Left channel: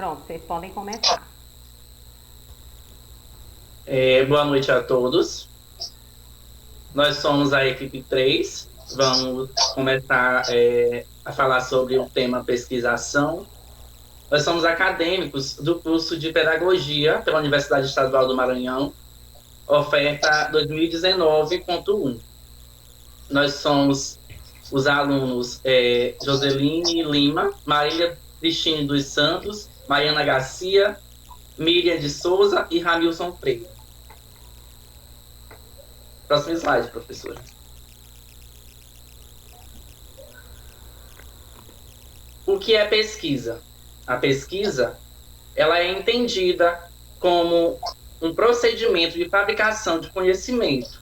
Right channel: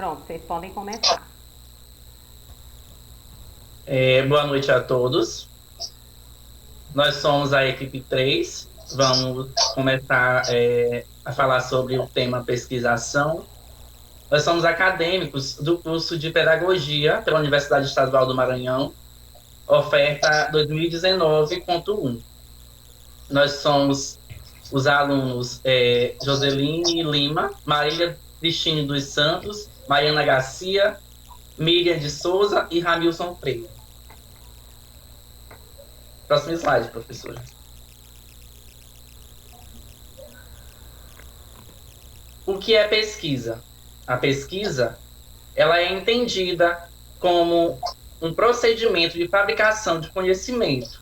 Pronto, vocês podem começar. Boa noite a todos. Nós somos a equipe 3. Vamos começar a falar sobre o tema pesquisação. Nós somos acadêmicos do curso de Pedagogia pela Universidade Estadual do Maranhão, oferta 2019.1. Nós somos os alunos Joseline Lima, Marília Cristine dos Santos, Mariana Garcia, Miriam de Souza e Ramilson Freire. Próximo slide, professora. O que é pesquisa? A pesquisa, ela é entendida como um procedimento de fabricação de conhecimento,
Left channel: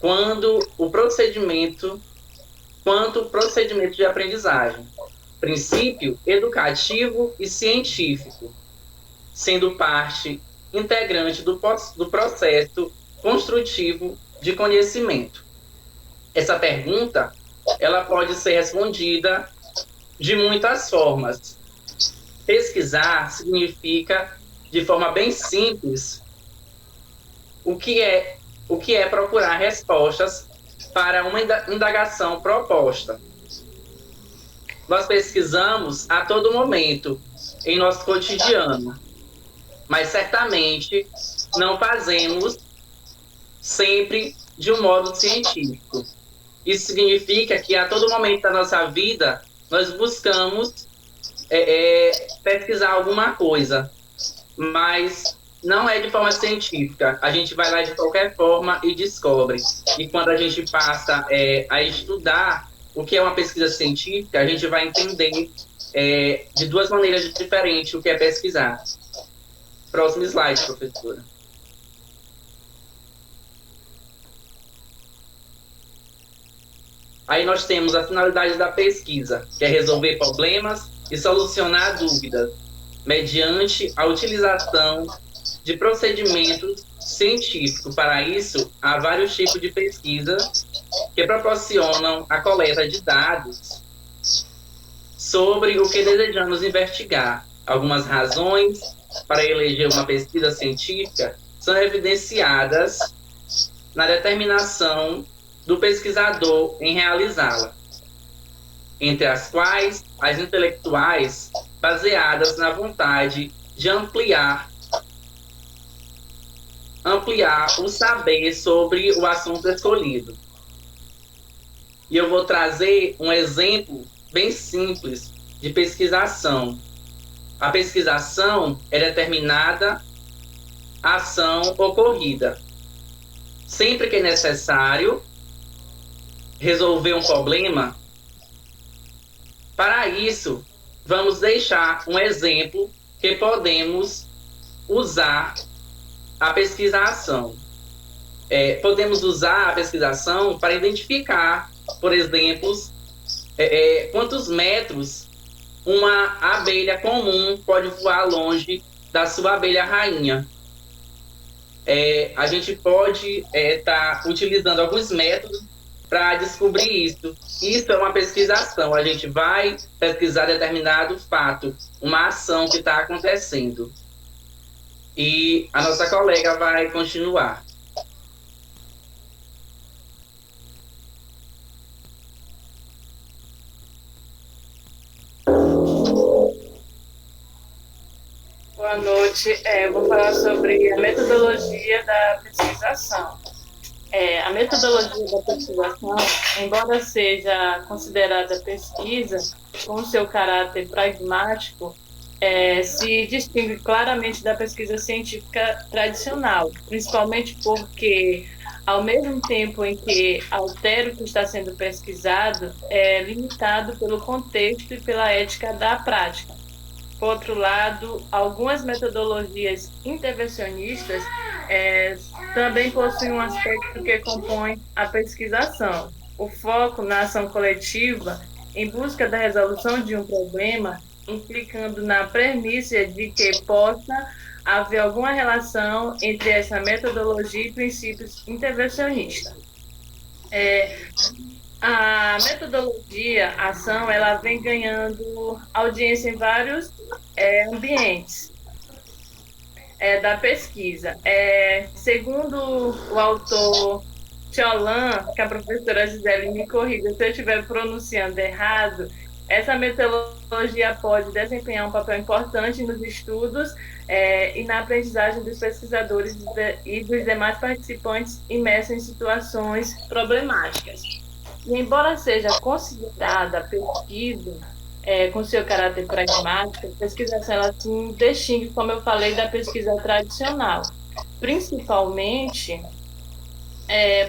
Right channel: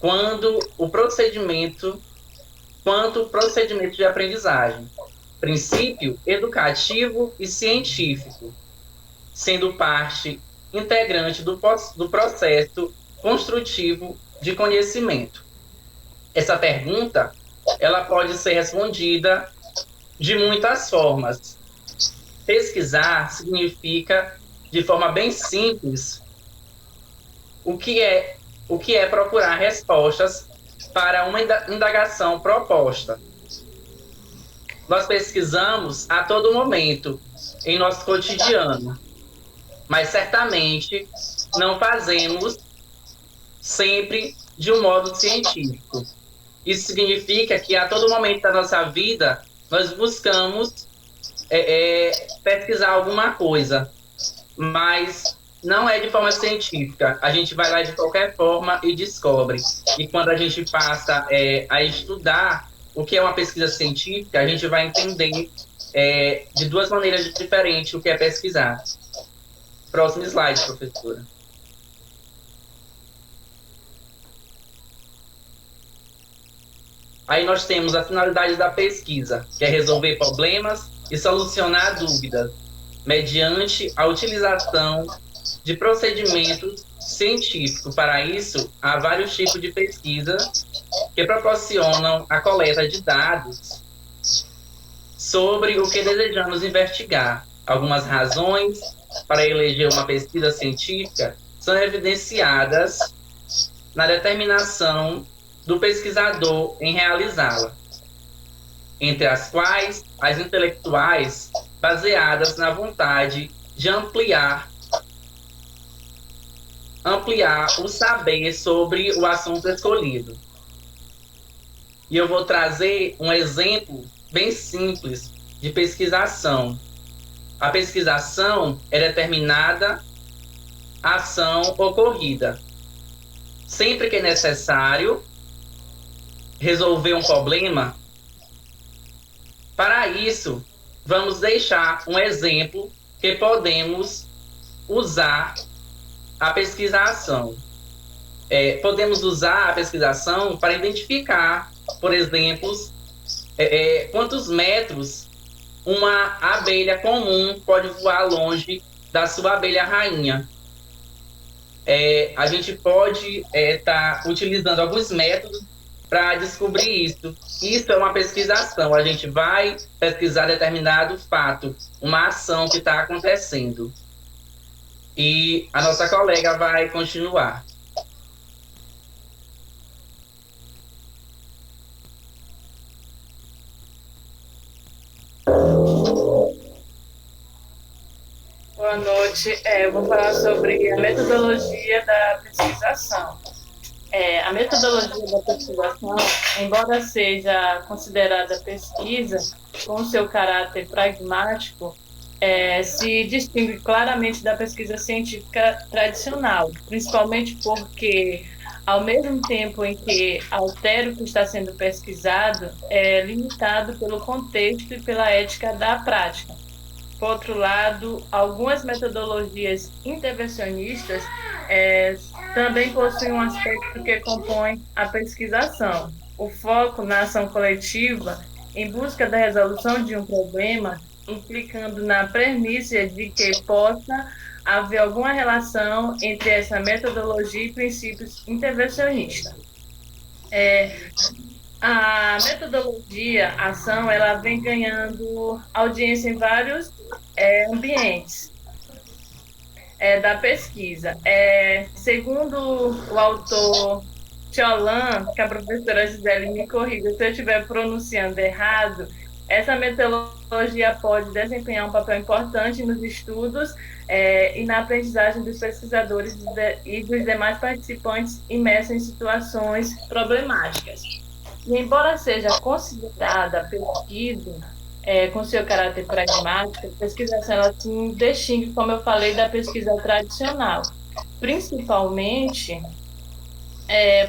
quanto o procedimento de aprendizagem, princípio educativo e científico, sendo parte integrante do processo construtivo de conhecimento. Essa pergunta, ela pode ser respondida de muitas formas. Pesquisar significa, de forma bem simples, o que é procurar respostas para uma indagação proposta. Nós pesquisamos a todo momento em nosso cotidiano, mas certamente não fazemos sempre de um modo científico. Isso significa que a todo momento da nossa vida nós buscamos pesquisar alguma coisa, mas não é de forma científica. A gente vai lá de qualquer forma e descobre. E quando a gente passa a estudar o que é uma pesquisa científica, a gente vai entender de duas maneiras diferentes o que é pesquisar. Próximo slide, professora. Aí nós temos a finalidade da pesquisa, que é resolver problemas e solucionar dúvidas, mediante a utilização de procedimentos científicos. Para isso, há vários tipos de pesquisa que proporcionam a coleta de dados sobre o que desejamos investigar. Algumas razões para eleger uma pesquisa científica são evidenciadas na determinação do pesquisador em realizá-la, entre as quais as intelectuais baseadas na vontade de ampliar o saber sobre o assunto escolhido. E eu vou trazer um exemplo bem simples de pesquisação. A pesquisação é determinada ação ocorrida. Sempre que é necessário resolver um problema, para isso, vamos deixar um exemplo que podemos usar a pesquisação. Podemos usar a pesquisação para identificar, por exemplo, quantos metros uma abelha comum pode voar longe da sua abelha rainha. A gente pode estar utilizando alguns métodos para descobrir isso. Isso é uma pesquisação. A gente vai pesquisar determinado fato, uma ação que está acontecendo. E a nossa colega vai continuar. Boa noite. Eu vou falar sobre a metodologia da pesquisação. A metodologia da pesquisação, embora seja considerada pesquisa com seu caráter pragmático, se distingue claramente da pesquisa científica tradicional, principalmente porque, ao mesmo tempo em que altera o que está sendo pesquisado, é limitado pelo contexto e pela ética da prática. Por outro lado, algumas metodologias intervencionistas também possuem um aspecto que compõe a pesquisação. O foco na ação coletiva em busca da resolução de um problema, implicando na premissa de que possa haver alguma relação entre essa metodologia e princípios intervencionistas. A metodologia, a ação, ela vem ganhando audiência em vários ambientes da pesquisa. Segundo o autor Tiolan, que a professora Gisele me corrija se eu estiver pronunciando errado, essa metodologia pode desempenhar um papel importante nos estudos e na aprendizagem dos pesquisadores e dos demais participantes imersos em situações problemáticas. E, embora seja considerada a pesquisa com seu caráter pragmático, a pesquisação ela se distingue, como eu falei, da pesquisa tradicional, principalmente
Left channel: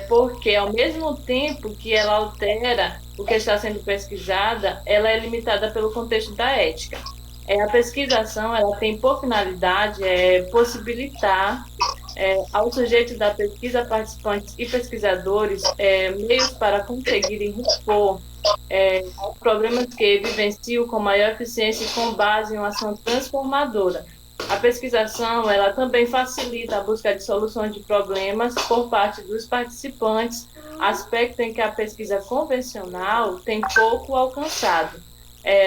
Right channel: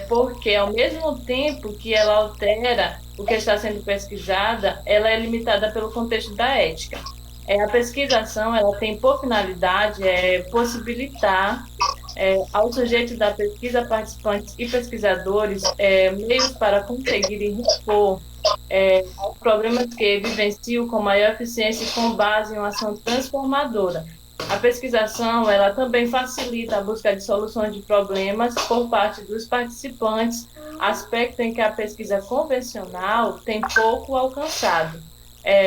porque, ao mesmo tempo que ela altera o que está sendo pesquisada, ela é limitada pelo contexto da ética. A pesquisação ela tem por finalidade possibilitar aos sujeitos da pesquisa, participantes e pesquisadores, meios para conseguirem respor aos problemas que vivenciam com maior eficiência e com base em uma ação transformadora. A pesquisação ela também facilita a busca de soluções de problemas por parte dos participantes, aspecto em que a pesquisa convencional tem pouco alcançado.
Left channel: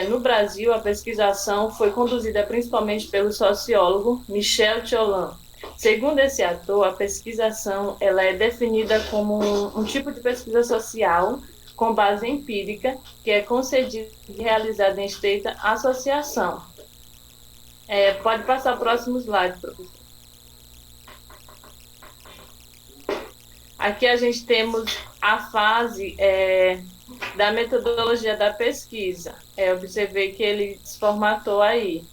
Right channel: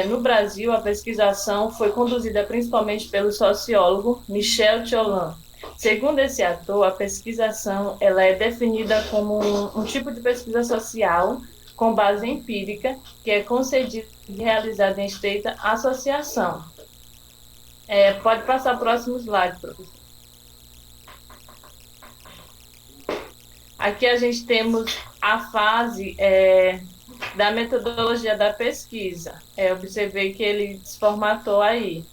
No Brasil, a pesquisação foi conduzida principalmente pelo sociólogo Michel Tiolan. Segundo esse autor, a pesquisação ela é definida como um tipo de pesquisa social com base empírica que é concedida e realizada em estreita associação. Pode passar o próximo slide, professor. Aqui a gente temos a fase da metodologia da pesquisa. Observei que ele desformatou aí.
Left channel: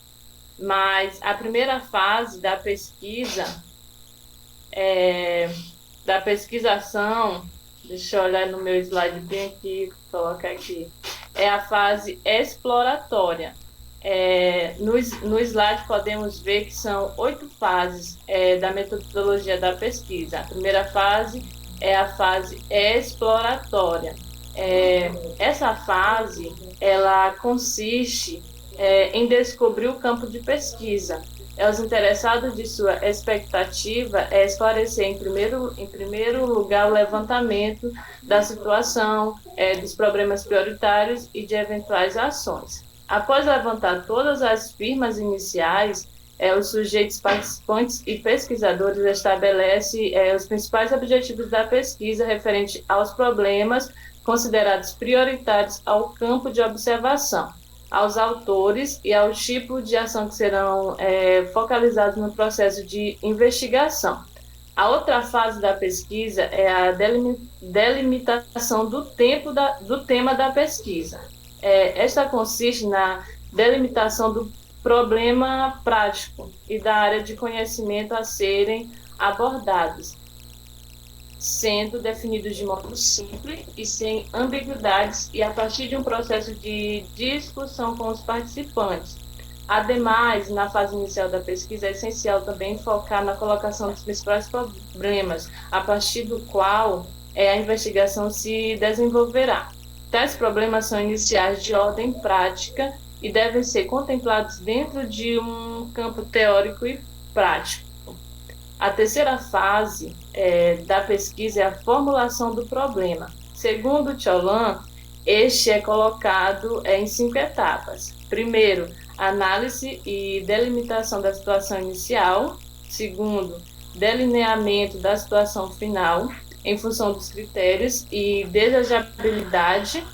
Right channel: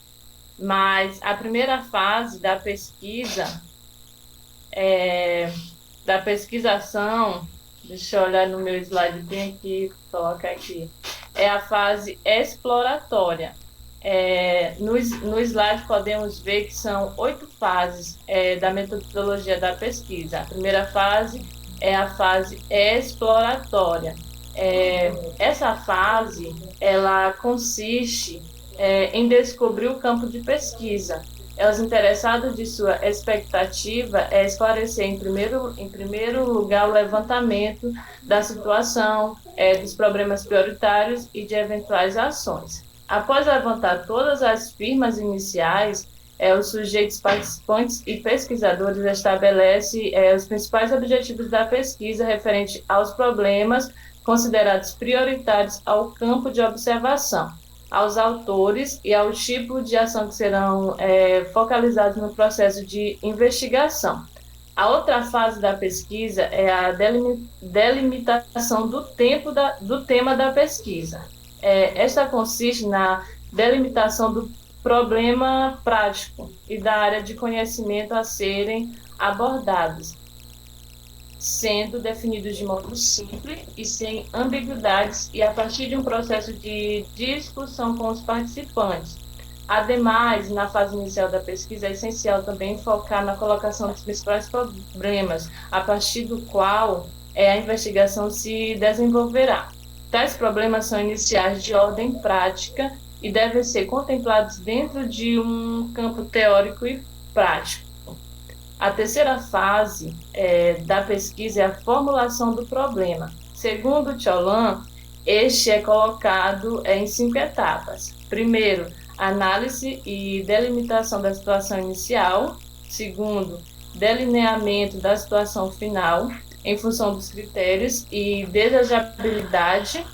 Mas a primeira fase da pesquisa, da pesquisação, deixa eu olhar no meu slide bem aqui, colocar aqui, é a fase exploratória. No slide podemos ver que são 8 fases da metodologia da pesquisa. A primeira fase é a fase exploratória. Essa fase ela consiste em descobrir o campo de pesquisa. Os interessados de sua expectativa é esclarecer, em primeiro lugar, o levantamento da situação, dos problemas prioritários e de eventuais ações. Após levantar todas as firmas iniciais, os sujeitos participantes e pesquisadores estabelecem os principais objetivos da pesquisa referente aos problemas considerados prioritários ao campo de observação, aos autores e ao tipo de ação que serão focalizados no processo de investigação. A outra fase da pesquisa é a delimitação do tema da pesquisa. Esta consiste na delimitação do problema prático e da área de conhecimento a serem abordados, sendo definidos de modo simples e sem ambiguidades e a partir de um processo de discussão com os participantes. Ademais, na fase inicial da pesquisa, é essencial também focar na colocação dos principais problemas, a partir do qual a investigação se desenvolverá. Tais problemas são iniciais de ordem prática e devem ser contemplados dentro de um campo teórico e prático. A terceira fase da pesquisa é a formulação do problema. Segundo Tiolan, este é colocado em 5 etapas. Primeiro, análise e delimitação da situação inicial. Segundo, delineamento da situação final em função dos critérios e desejabilidade.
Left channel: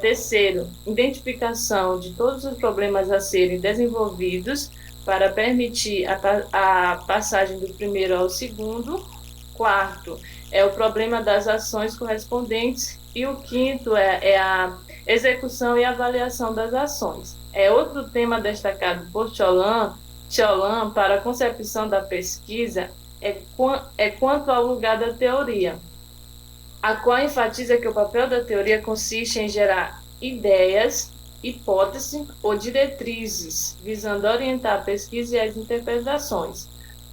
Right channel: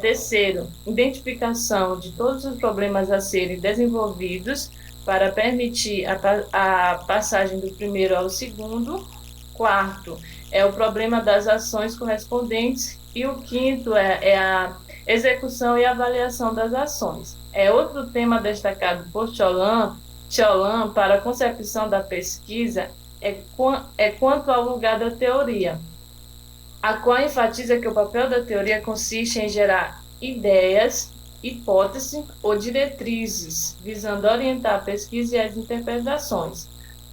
Terceiro, identificação de todos os problemas a serem desenvolvidos para permitir a passagem do primeiro ao segundo. Quarto, o problema das ações correspondentes. E o quinto é a execução e avaliação das ações. Outro tema destacado por Tiolan para a concepção da pesquisa quanto ao lugar da teoria, a qual enfatiza que o papel da teoria consiste em gerar ideias, hipóteses ou diretrizes, visando orientar a pesquisa e as interpretações.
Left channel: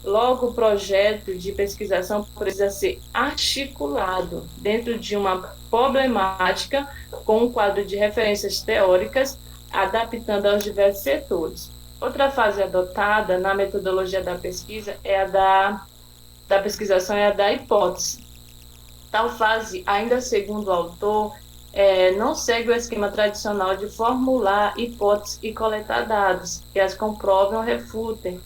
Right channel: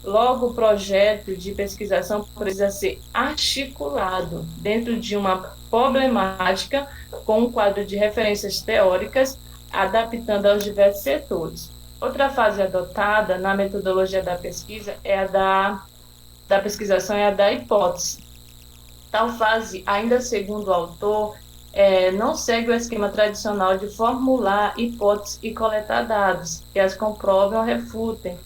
Logo, o projeto de pesquisação precisa ser articulado dentro de uma problemática com um quadro de referências teóricas, adaptando aos diversos setores. Outra fase adotada na metodologia da pesquisa é a da pesquisação, é a da hipótese. Tal fase, ainda segundo o autor, não segue o esquema tradicional de formular hipóteses e coletar dados, que as comprovem ou refutem.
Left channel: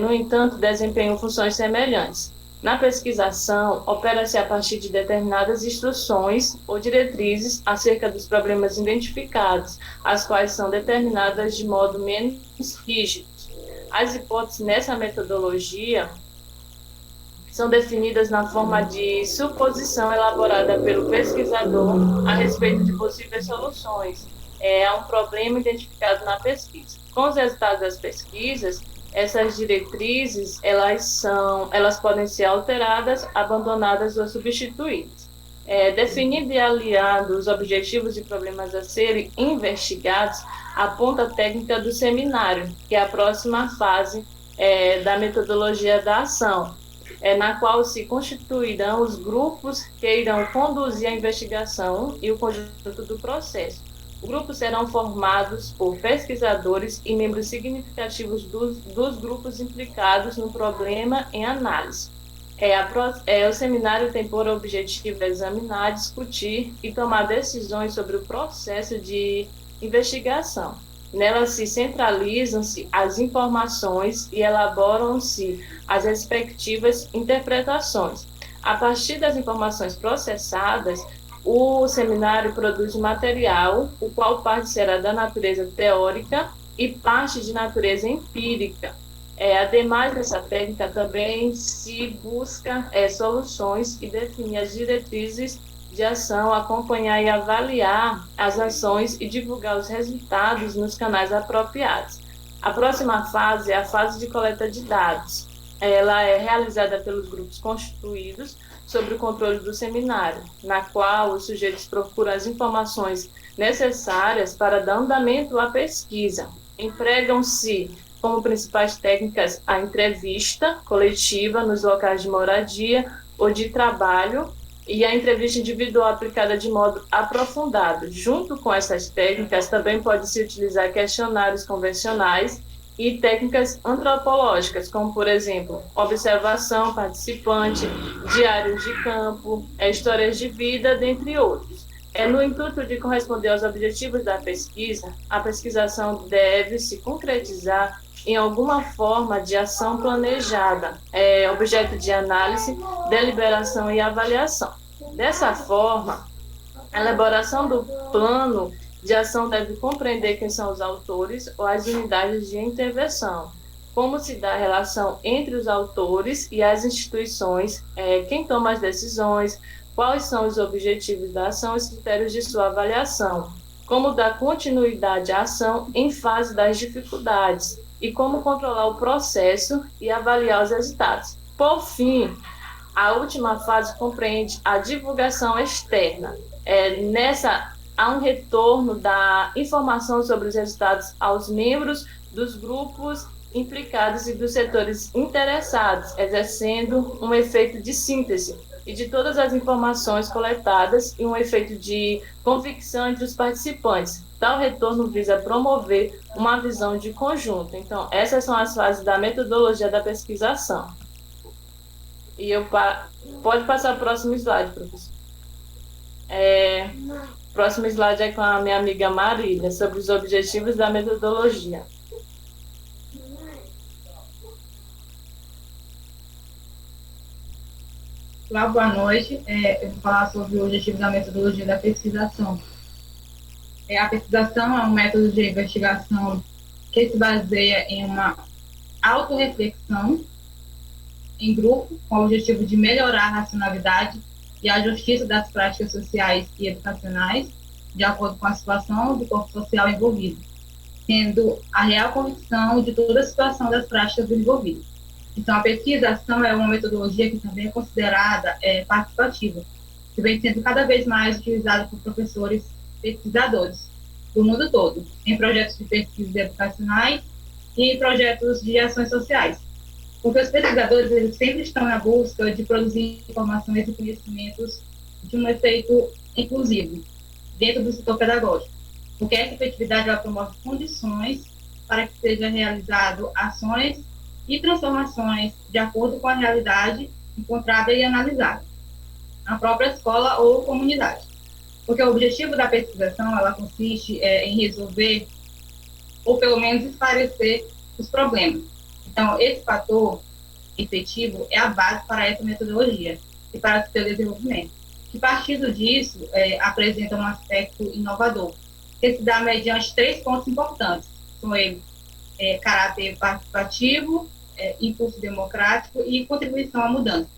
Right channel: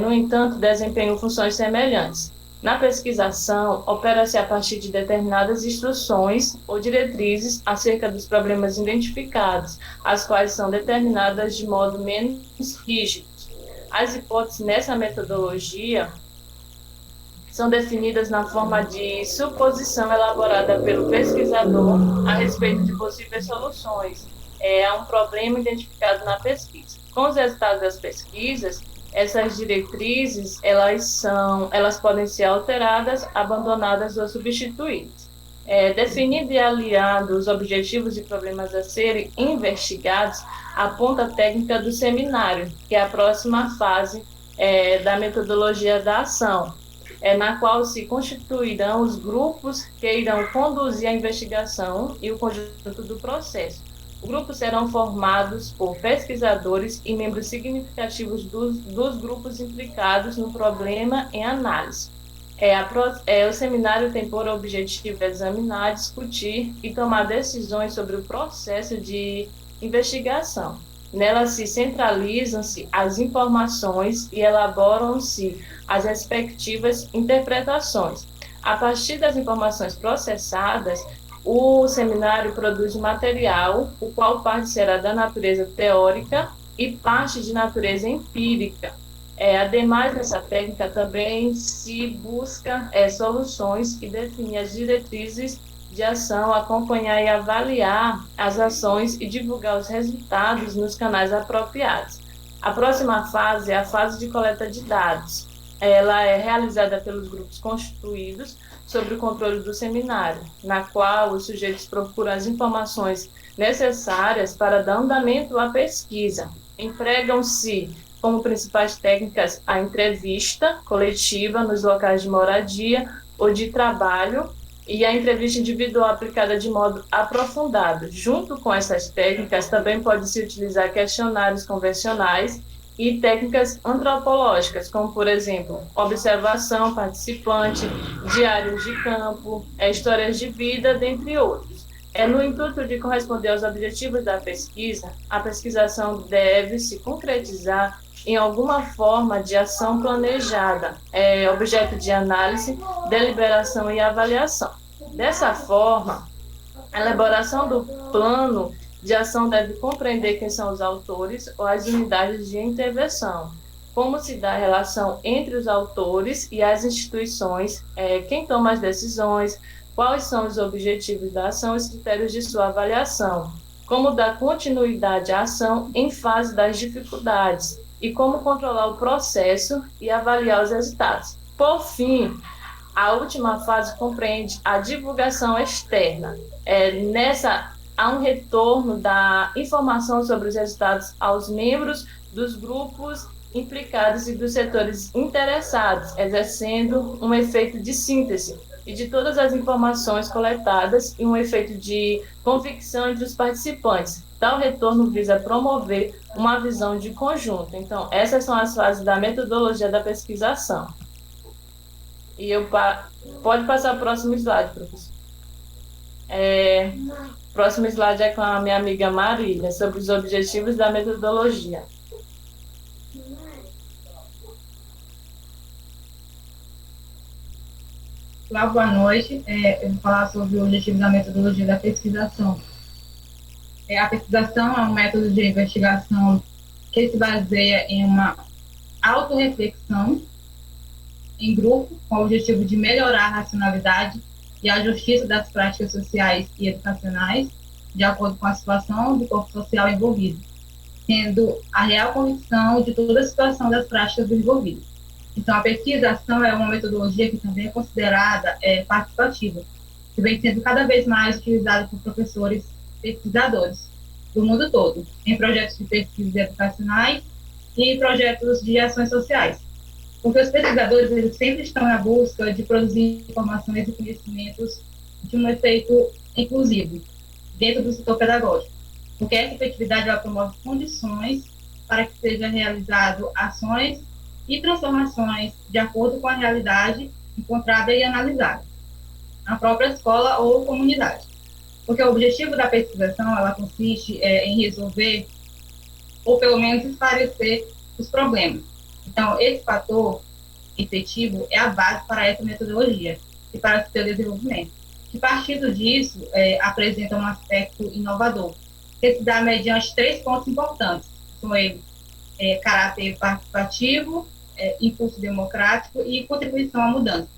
No entanto, desempenham funções semelhantes. Na pesquisação, opera-se a partir de determinadas instruções ou diretrizes acerca dos problemas identificados, as quais são determinadas de modo menos rígido. As hipóteses nessa metodologia são definidas na forma de suposição elaborada pelo pesquisador a respeito de possíveis soluções a um problema identificado na pesquisa. Com os resultados das pesquisas, essas diretrizes elas podem ser alteradas, abandonadas ou substituídas. Definido e aliado os objetivos e problemas a serem investigados, a ponta técnica do seminário, que é a próxima fase da metodologia da ação, na qual se constituirão os grupos que irão conduzir a investigação e o conjunto do processo. Os grupos serão formados por pesquisadores e membros significativos dos grupos implicados no problema em análise. O seminário tem por objetivo examinar, discutir e tomar decisões sobre o processo de investigação. Nela se centralizam-se as informações e elaboram-se as respectivas interpretações. A partir das informações processadas, o seminário produz um material, o qual parte será da natureza teórica e parte de natureza empírica. Ademais dessa técnica, também se busca soluções e definir as diretrizes de ação, acompanhar e avaliar as ações e divulgar os resultados nos canais apropriados. A próxima fase é a fase de coleta de dados. Ela é realizada pelos grupos constituídos sob o controle do seminário, na qual os sujeitos procuram as informações necessárias para dar andamento à pesquisa. Empregam-se como principais técnicas a entrevista coletiva nos locais de moradia ou de trabalho e a entrevista individual aplicada de modo aprofundado. Junto com essas técnicas, também pode-se utilizar questionários convencionais e técnicas antropológicas, como, por exemplo, observação participante, diários de campo, histórias de vida, dentre outros. No intuito de corresponder aos objetivos da pesquisa, a pesquisação deve se concretizar em alguma forma de ação planejada, objeto de análise, deliberação e avaliação. Dessa forma, a elaboração do plano de ação deve compreender quem são os autores ou as unidades de intervenção, como se dá a relação entre os autores e as instituições, quem toma as decisões, quais são os objetivos da ação e os critérios de sua avaliação, como dar continuidade à ação em fase das dificuldades e como controlar o processo e avaliar os resultados. Por fim, a última fase compreende a divulgação externa. Nessa há um retorno da informação sobre os resultados aos membros dos grupos implicados e dos setores interessados, exercendo um efeito de síntese e de todas as informações coletadas e um efeito de convicção entre os participantes. Tal retorno visa promover uma visão de conjunto. Então, essas são as fases da metodologia da pesquisação. E pode passar o próximo slide, professor. O próximo slide é com a minha amiga Marília, sobre os objetivos da metodologia. Olá, boa noite. Eu vou falar sobre o objetivo da metodologia da pesquisação. A pesquisação é um método de investigação que se baseia em uma autorreflexão em grupo, com o objetivo de melhorar a racionalidade e a justiça das práticas sociais e educacionais, de acordo com a situação do corpo social envolvido, tendo a real condição de toda a situação das práticas envolvidas. Então, a pesquisação é uma metodologia que também é considerada participativa, que vem sendo cada vez mais utilizada por professores pesquisadores do mundo todo, em projetos de pesquisa educacionais e em projetos de ações sociais. Porque os pesquisadores eles sempre estão na busca de produzir informações e conhecimentos de um efeito inclusivo dentro do setor pedagógico, porque essa efetividade ela promove condições para que sejam realizadas ações e transformações de acordo com a realidade encontrada e analisada na própria escola ou comunidade. Porque o objetivo da pesquisação, ela consiste em resolver, ou pelo menos esclarecer, os problemas. Então, esse fator efetivo é a base para essa metodologia e para o seu desenvolvimento. E partindo disso, apresenta um aspecto inovador, que se dá mediante 3 pontos importantes. São eles, caráter participativo, impulso democrático e contribuição à mudança.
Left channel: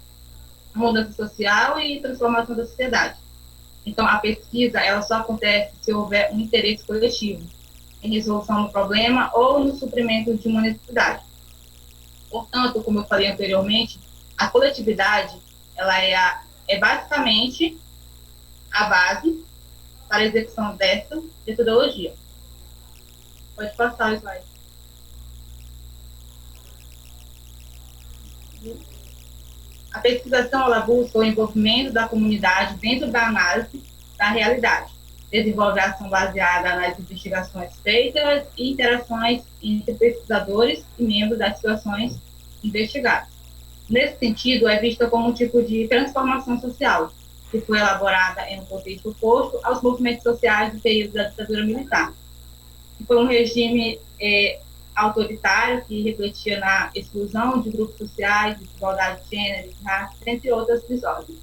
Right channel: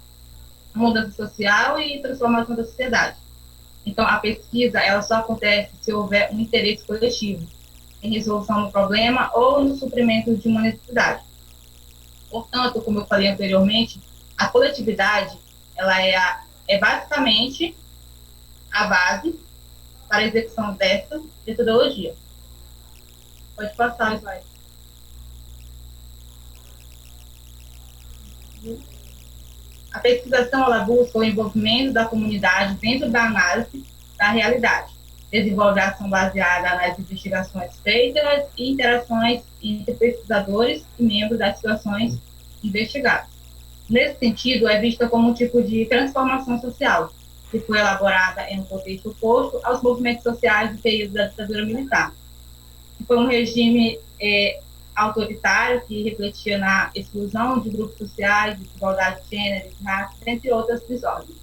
A mudança social e transformação da sociedade. Então, a pesquisa, ela só acontece se houver um interesse coletivo em resolução do problema ou no suprimento de uma necessidade. Portanto, como eu falei anteriormente, a coletividade, ela é basicamente a base para a execução dessa metodologia. Pode passar o slide. A pesquisação, ela busca o envolvimento da comunidade dentro da análise da realidade. Desenvolve a ação baseada nas investigações feitas e interações entre pesquisadores e membros das situações investigadas. Nesse sentido, é vista como um tipo de transformação social, que foi elaborada em um contexto oposto aos movimentos sociais do período da ditadura militar. Foi um regime autoritário que refletia na exclusão de grupos sociais, desigualdade de gênero, raça, entre outras desordens.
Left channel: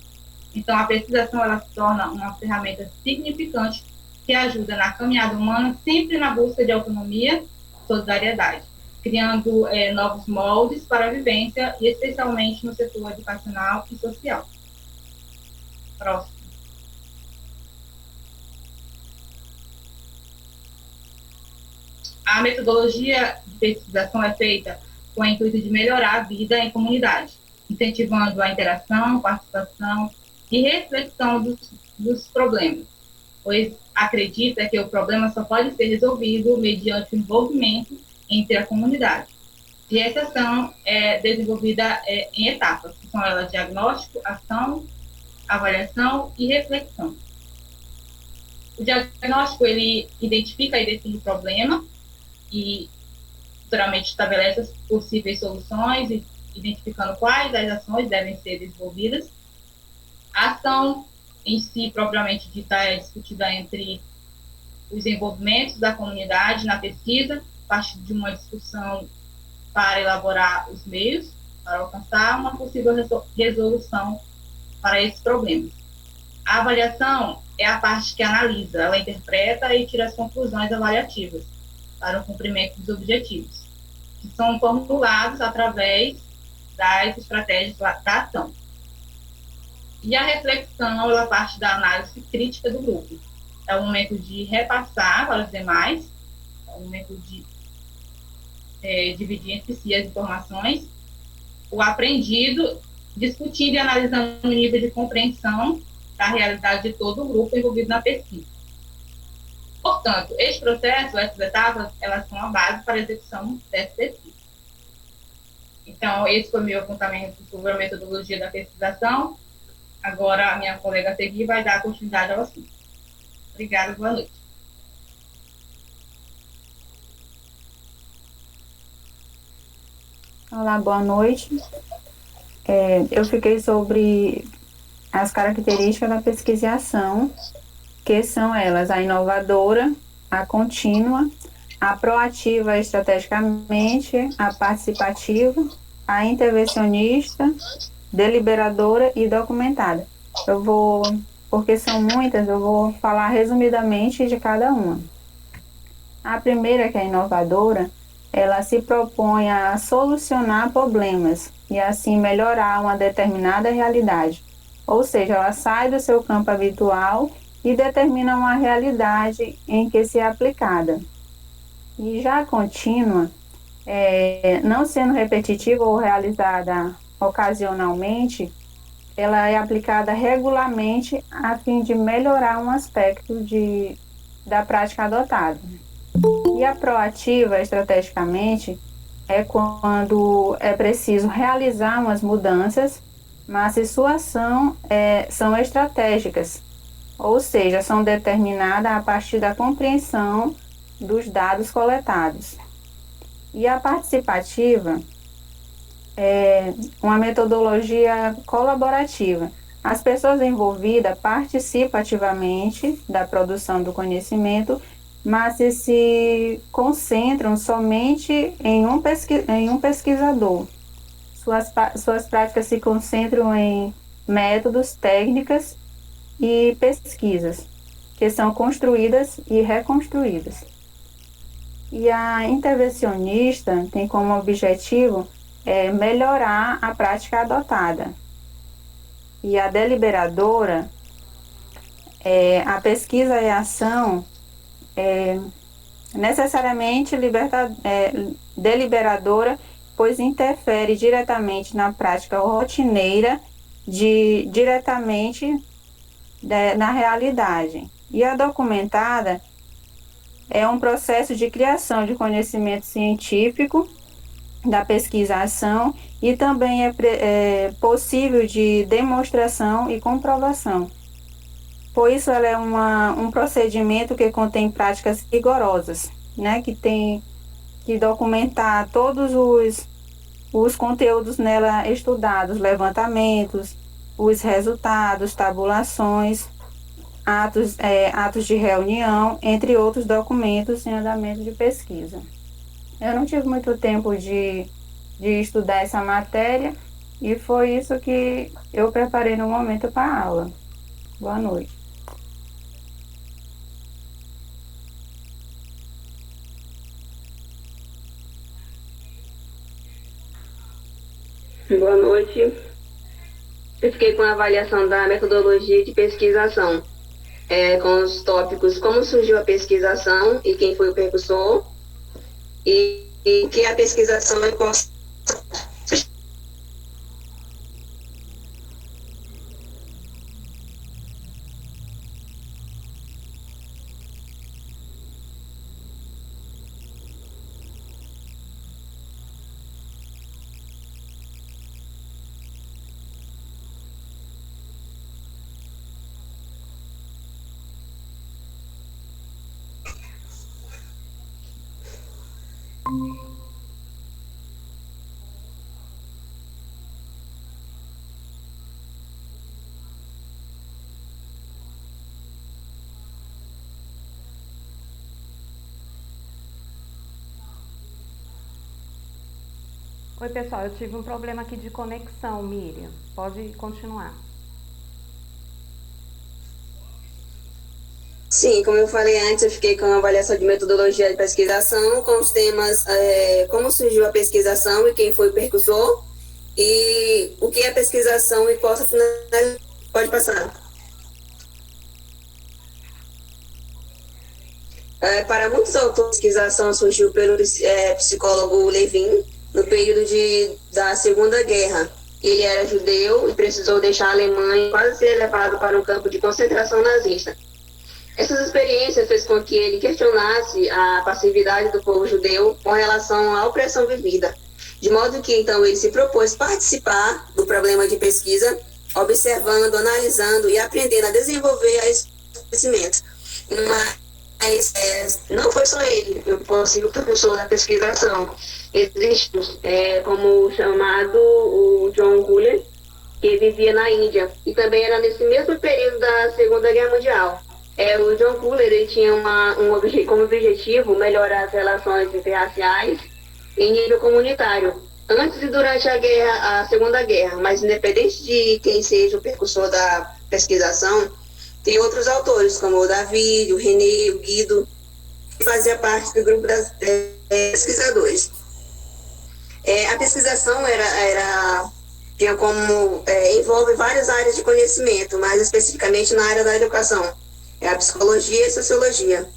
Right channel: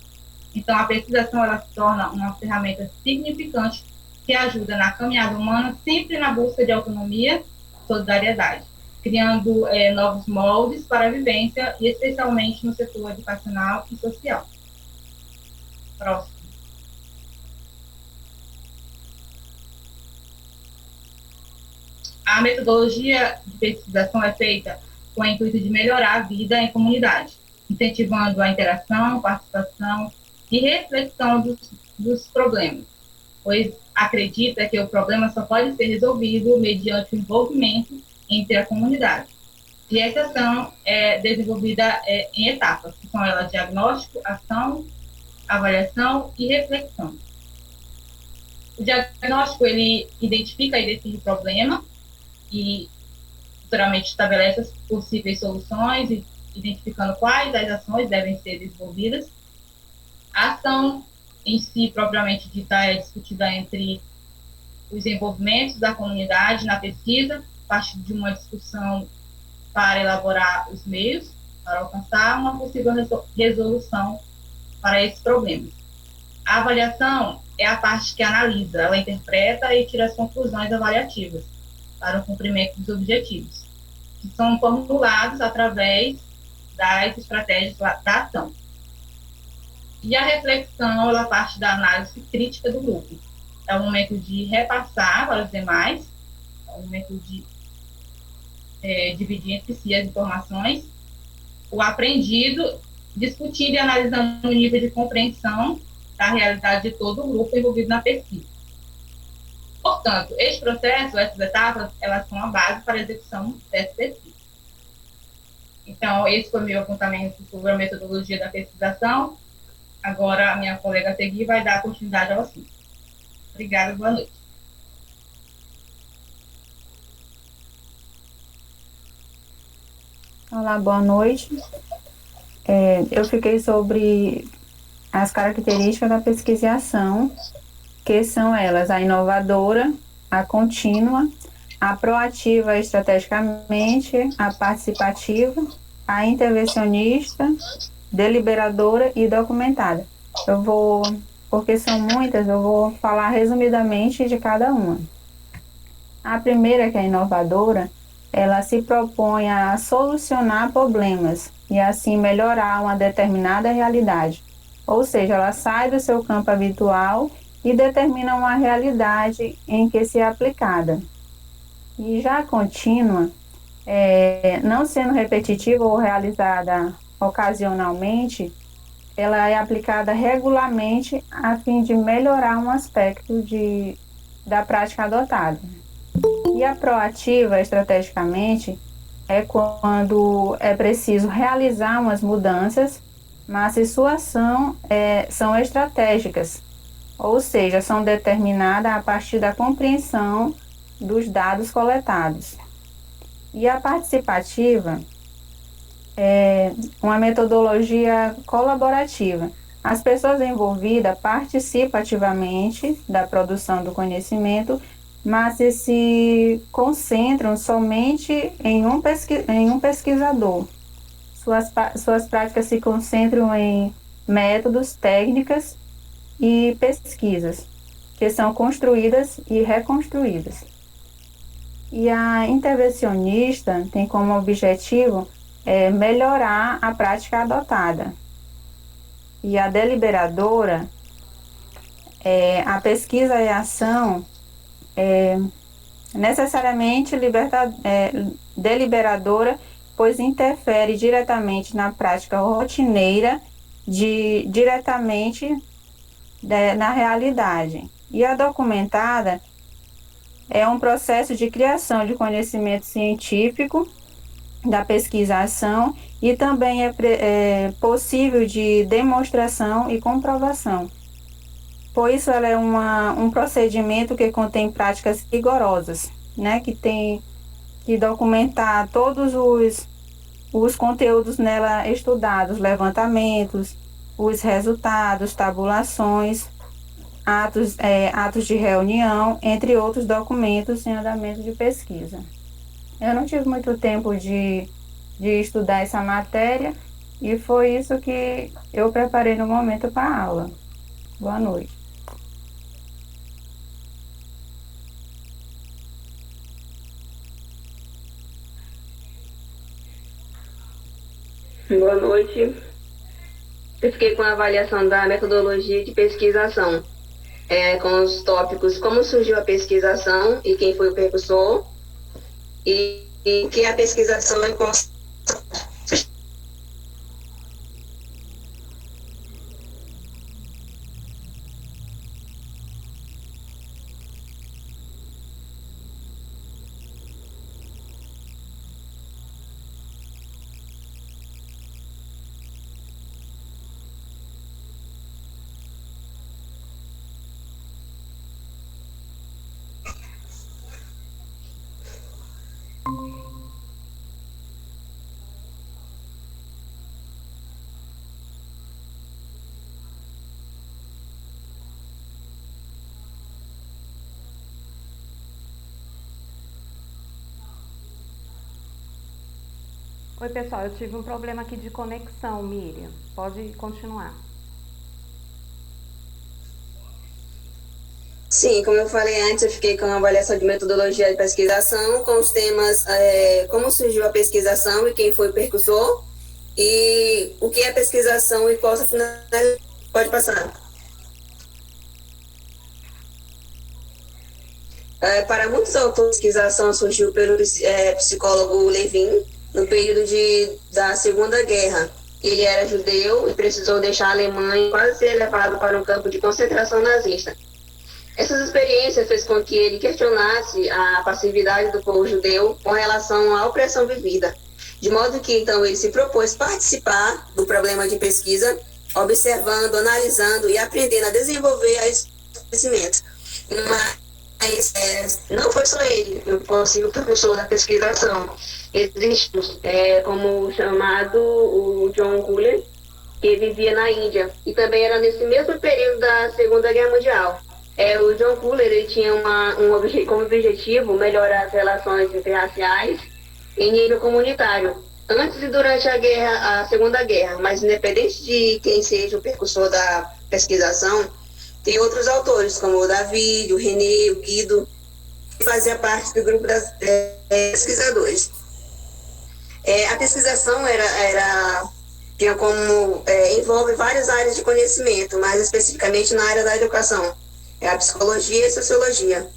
Então, a pesquisação, ela se torna uma ferramenta significante que ajuda na caminhada humana, sempre na busca de autonomia e solidariedade, criando novos moldes para a vivência, e especialmente no setor educacional e social. Próximo. A metodologia de pesquisação é feita com o intuito de melhorar a vida em comunidade, incentivando a interação, participação e reflexão dos problemas, pois acredita que o problema só pode ser resolvido mediante o envolvimento entre a comunidade. E essa ação é desenvolvida em etapas, que são elas diagnóstico, ação, avaliação e reflexão. O diagnóstico, ele identifica e define o problema e futuramente estabelece as possíveis soluções, identificando quais as ações devem ser desenvolvidas. A ação em si, propriamente dita, é discutida entre os envolvimentos da comunidade na pesquisa, a partir de uma discussão para elaborar os meios para alcançar uma possível resolução para esses problemas. A avaliação é a parte que analisa, ela interpreta e tira as conclusões avaliativas para o cumprimento dos objetivos, que são formulados através das estratégias da ação. E a reflexão, ela parte da análise crítica do grupo. É o momento de repassar para os demais, é o momento de dividir entre si as informações, o aprendido, discutindo e analisando o nível de compreensão da realidade de todo o grupo envolvido na pesquisa. Portanto, este processo, essas etapas, elas são a base para a execução dessa pesquisa. Então, esse foi o meu apontamento sobre a metodologia da pesquisação. Agora, a minha colega Segui vai dar continuidade ao assunto. Obrigada, boa noite. Olá, boa noite. Eu fiquei sobre as características da pesquisa e ação, que são elas: a inovadora, a contínua, a proativa estrategicamente, a participativa, a intervencionista, deliberadora e documentada. Porque são muitas, eu vou falar resumidamente de cada uma. A primeira, que é a inovadora, ela se propõe a solucionar problemas e assim melhorar uma determinada realidade. Ou seja, ela sai do seu campo habitual e determina uma realidade em que se é aplicada. E já a contínua, não sendo repetitiva ou realizada ocasionalmente, ela é aplicada regularmente a fim de melhorar um aspecto da prática adotada. E a proativa, estrategicamente, é quando é preciso realizar umas mudanças, mas se sua ação são estratégicas, ou seja, são determinadas a partir da compreensão dos dados coletados. E a participativa é uma metodologia colaborativa, As pessoas envolvidas participam ativamente da produção do conhecimento, mas se concentram somente em um pesquisador. Suas práticas se concentram em métodos, técnicas e pesquisas, que são construídas e reconstruídas. E a intervencionista tem como objetivo melhorar a prática adotada. E a deliberadora, a pesquisa e a ação necessariamente deliberadora, pois interfere diretamente na prática rotineira, diretamente na realidade. E a documentada é um processo de criação de conhecimento científico, da pesquisação, e também é possível de demonstração e comprovação. Por isso, ela é um procedimento que contém práticas rigorosas, né, que tem que documentar todos os conteúdos nela estudados, levantamentos, os resultados, tabulações, atos de reunião, entre outros documentos em andamento de pesquisa. Eu não tive muito tempo de estudar essa matéria e foi isso que eu preparei no momento para a aula. Boa noite. Boa noite. Eu fiquei com a avaliação da metodologia de pesquisação, com os tópicos como surgiu a pesquisação e quem foi o precursor, e o que é a pesquisação e qual. Oi, pessoal, eu tive um problema aqui de conexão, Miriam. Pode continuar. Sim, como eu falei antes, eu fiquei com a avaliação de metodologia de pesquisação, com os temas como surgiu a pesquisação e quem foi o precursor, e o que é pesquisação e qual a finalidade. Pode passar. Para muitos autores, a pesquisação surgiu pelo psicólogo Levin, no período da Segunda Guerra. Ele era judeu e precisou deixar a Alemanha e quase ser levado para um campo de concentração nazista. Essas experiências fez com que ele questionasse a passividade do povo judeu com relação à opressão vivida, de modo que então ele se propôs participar do problema de pesquisa, observando, analisando e aprendendo a desenvolver esse conhecimento. Mas não foi só ele, eu consigo professor da pesquisação. Existe como chamado o John Guller, que vivia na Índia, e também era nesse mesmo período da Segunda Guerra Mundial. O John Guller ele tinha como objetivo melhorar as relações interraciais em nível comunitário, antes e durante a Segunda Guerra, mas independente de quem seja o precursor da pesquisação, tem outros autores, como o Davi, o René, o Guido, que fazia parte do grupo das pesquisadores. A pesquisação tinha como envolve várias áreas de conhecimento, mais especificamente na área da educação, a psicologia e a sociologia.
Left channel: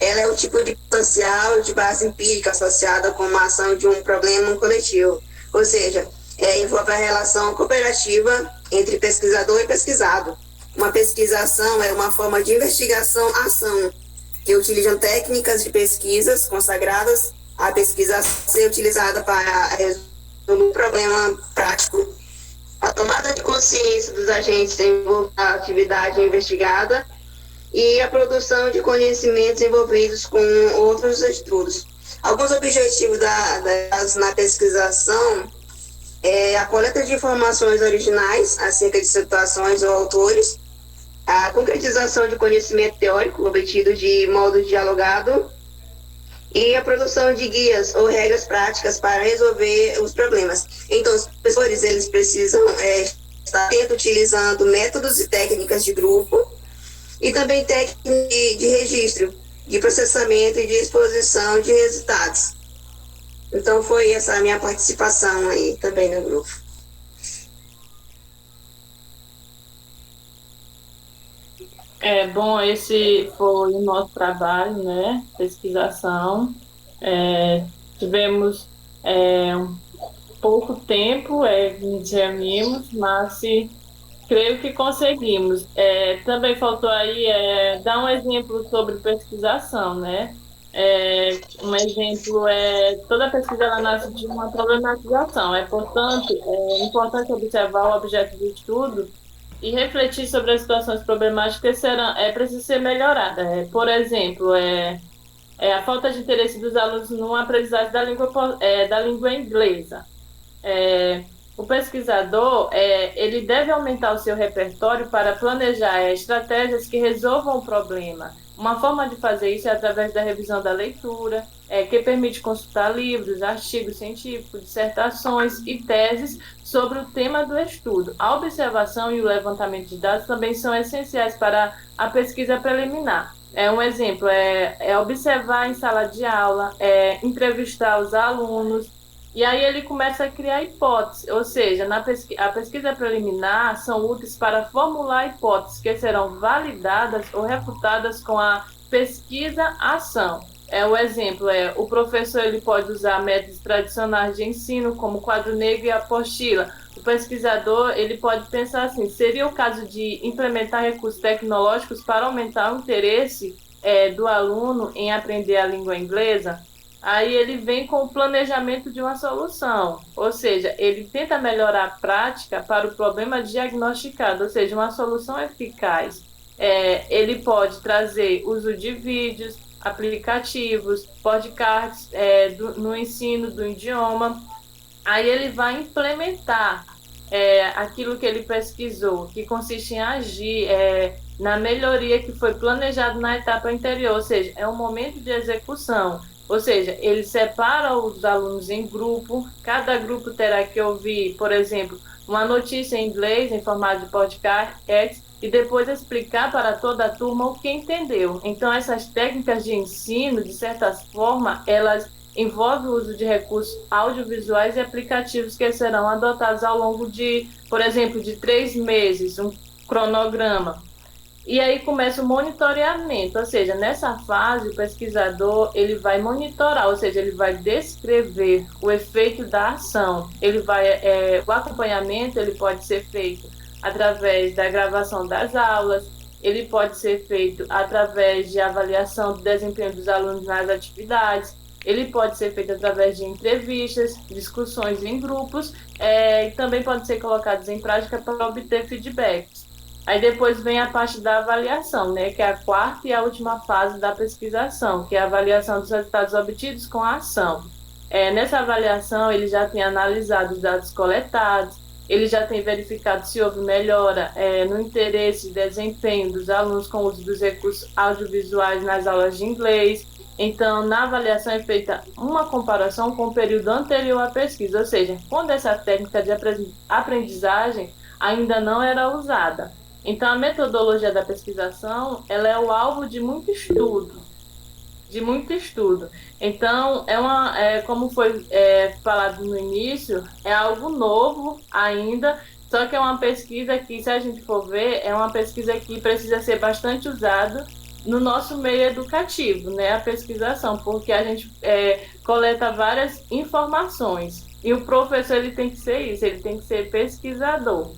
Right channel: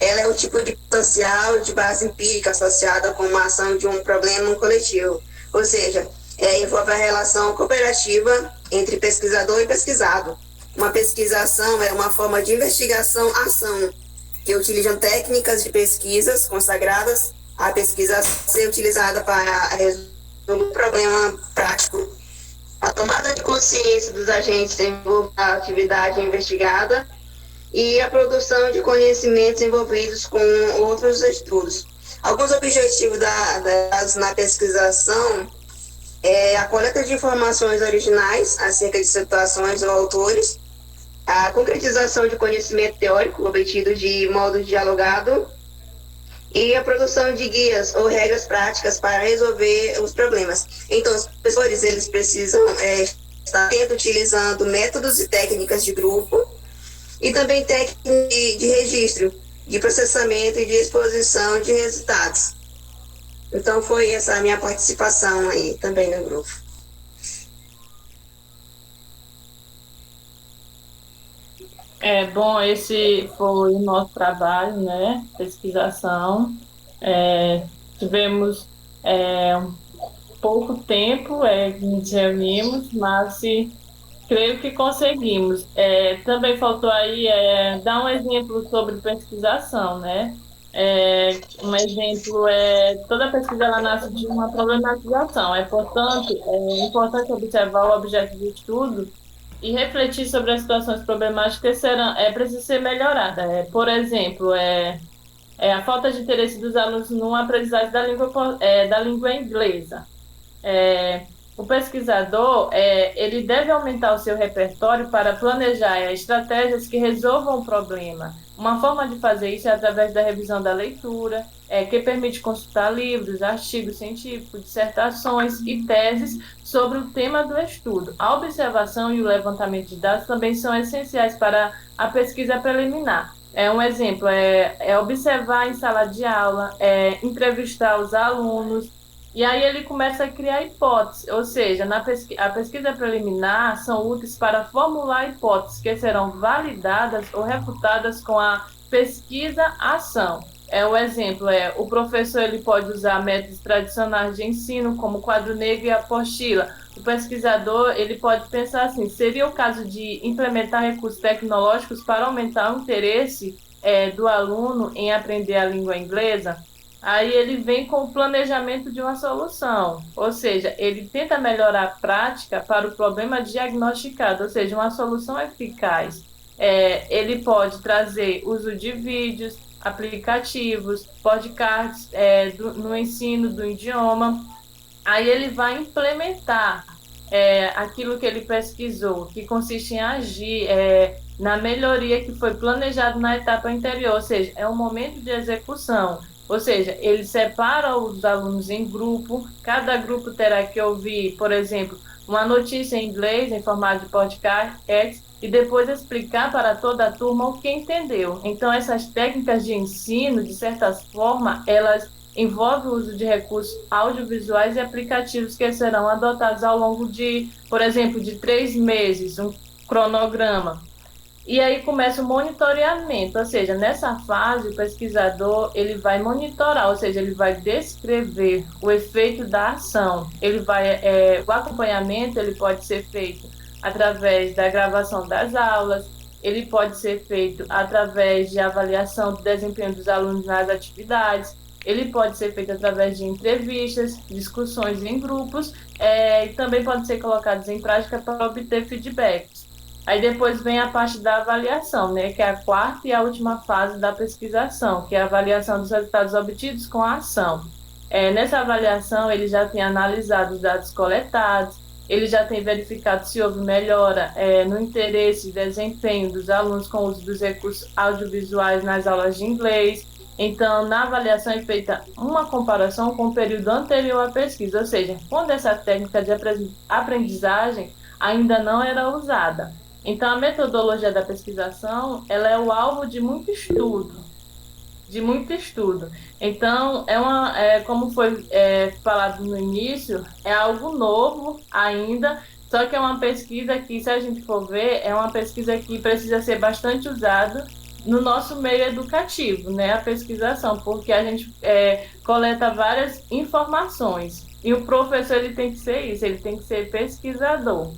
Ela é o tipo de social de base empírica associada com uma ação de um problema coletivo, ou seja, envolve a relação cooperativa entre pesquisador e pesquisado. Uma pesquisação é uma forma de investigação-ação que utilizam técnicas de pesquisas consagradas à pesquisa ser utilizada para resolver um problema prático. A tomada de consciência dos agentes envolve a atividade investigada e a produção de conhecimentos envolvidos com outros estudos. Alguns objetivos na pesquisação A coleta de informações originais acerca de situações ou autores, a concretização de conhecimento teórico obtido de modo dialogado e a produção de guias ou regras práticas para resolver os problemas. Então, os professores eles precisam estar utilizando métodos e técnicas de grupo e também técnicas de registro, de processamento e de exposição de resultados. Então, foi essa a minha participação aí também no grupo. Bom, esse foi o nosso trabalho, né? Pesquisação. Tivemos pouco tempo que nos reunimos, mas creio que conseguimos. Também faltou aí dar um exemplo sobre pesquisação, né? Um exemplo toda pesquisa ela nasce de uma problematização. É importante observar o objeto de estudo e refletir sobre as situações problemáticas precisam ser melhoradas. Por exemplo, a falta de interesse dos alunos numa aprendizagem da língua inglesa. O pesquisador ele deve aumentar o seu repertório para planejar estratégias que resolvam o problema. Uma forma de fazer isso é através da revisão da leitura, que permite consultar livros, artigos científicos, dissertações e teses sobre o tema do estudo. A observação e o levantamento de dados também são essenciais para a pesquisa preliminar. Um exemplo é observar em sala de aula, entrevistar os alunos, e aí ele começa a criar hipóteses, ou seja, a pesquisa preliminar são úteis para formular hipóteses que serão validadas ou refutadas com a pesquisa-ação. O exemplo o professor ele pode usar métodos tradicionais de ensino, como quadro negro e apostila. O pesquisador ele pode pensar assim, seria o caso de implementar recursos tecnológicos para aumentar o interesse do aluno em aprender a língua inglesa? Aí ele vem com o planejamento de uma solução, ou seja, ele tenta melhorar a prática para o problema diagnosticado, ou seja, uma solução eficaz. Ele pode trazer uso de vídeos, aplicativos, podcasts no ensino do idioma. Aí ele vai implementar aquilo que ele pesquisou, que consiste em agir na melhoria que foi planejado na etapa anterior, ou seja, é um momento de execução. Ou seja, ele separa os alunos em grupo, cada grupo terá que ouvir, por exemplo, uma notícia em inglês em formato de podcast e depois explicar para toda a turma o que entendeu. Então, essas técnicas de ensino, de certa forma, elas envolvem o uso de recursos audiovisuais e aplicativos que serão adotados ao longo de, por exemplo, de 3 meses, um cronograma. E aí começa o monitoramento, ou seja, nessa fase o pesquisador ele vai monitorar, ou seja, ele vai descrever o efeito da ação. O acompanhamento ele pode ser feito através da gravação das aulas, ele pode ser feito através de avaliação do desempenho dos alunos nas atividades, ele pode ser feito através de entrevistas, discussões em grupos, e também pode ser colocados em prática para obter feedbacks. Aí depois vem a parte da avaliação, né, que é a quarta e a última fase da pesquisação, que é a avaliação dos resultados obtidos com a ação. Nessa avaliação, ele já tem analisado os dados coletados, ele já tem verificado se houve melhora no interesse e desempenho dos alunos com o uso dos recursos audiovisuais nas aulas de inglês. Então, na avaliação é feita uma comparação com o período anterior à pesquisa, ou seja, quando essa técnica de aprendizagem ainda não era usada. Então, a metodologia da pesquisação, ela é o alvo de muito estudo. Então, como foi falado no início, é algo novo ainda, só que é uma pesquisa que, se a gente for ver, é uma pesquisa que precisa ser bastante usada no nosso meio educativo, né? A pesquisação, porque a gente coleta várias informações. E o professor ele tem que ser isso, ele tem que ser pesquisador.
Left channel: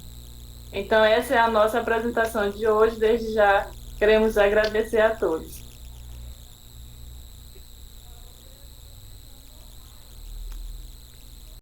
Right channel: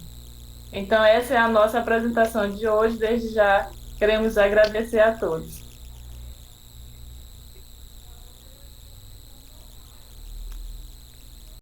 Então, essa é a nossa apresentação de hoje. Desde já, queremos agradecer a todos.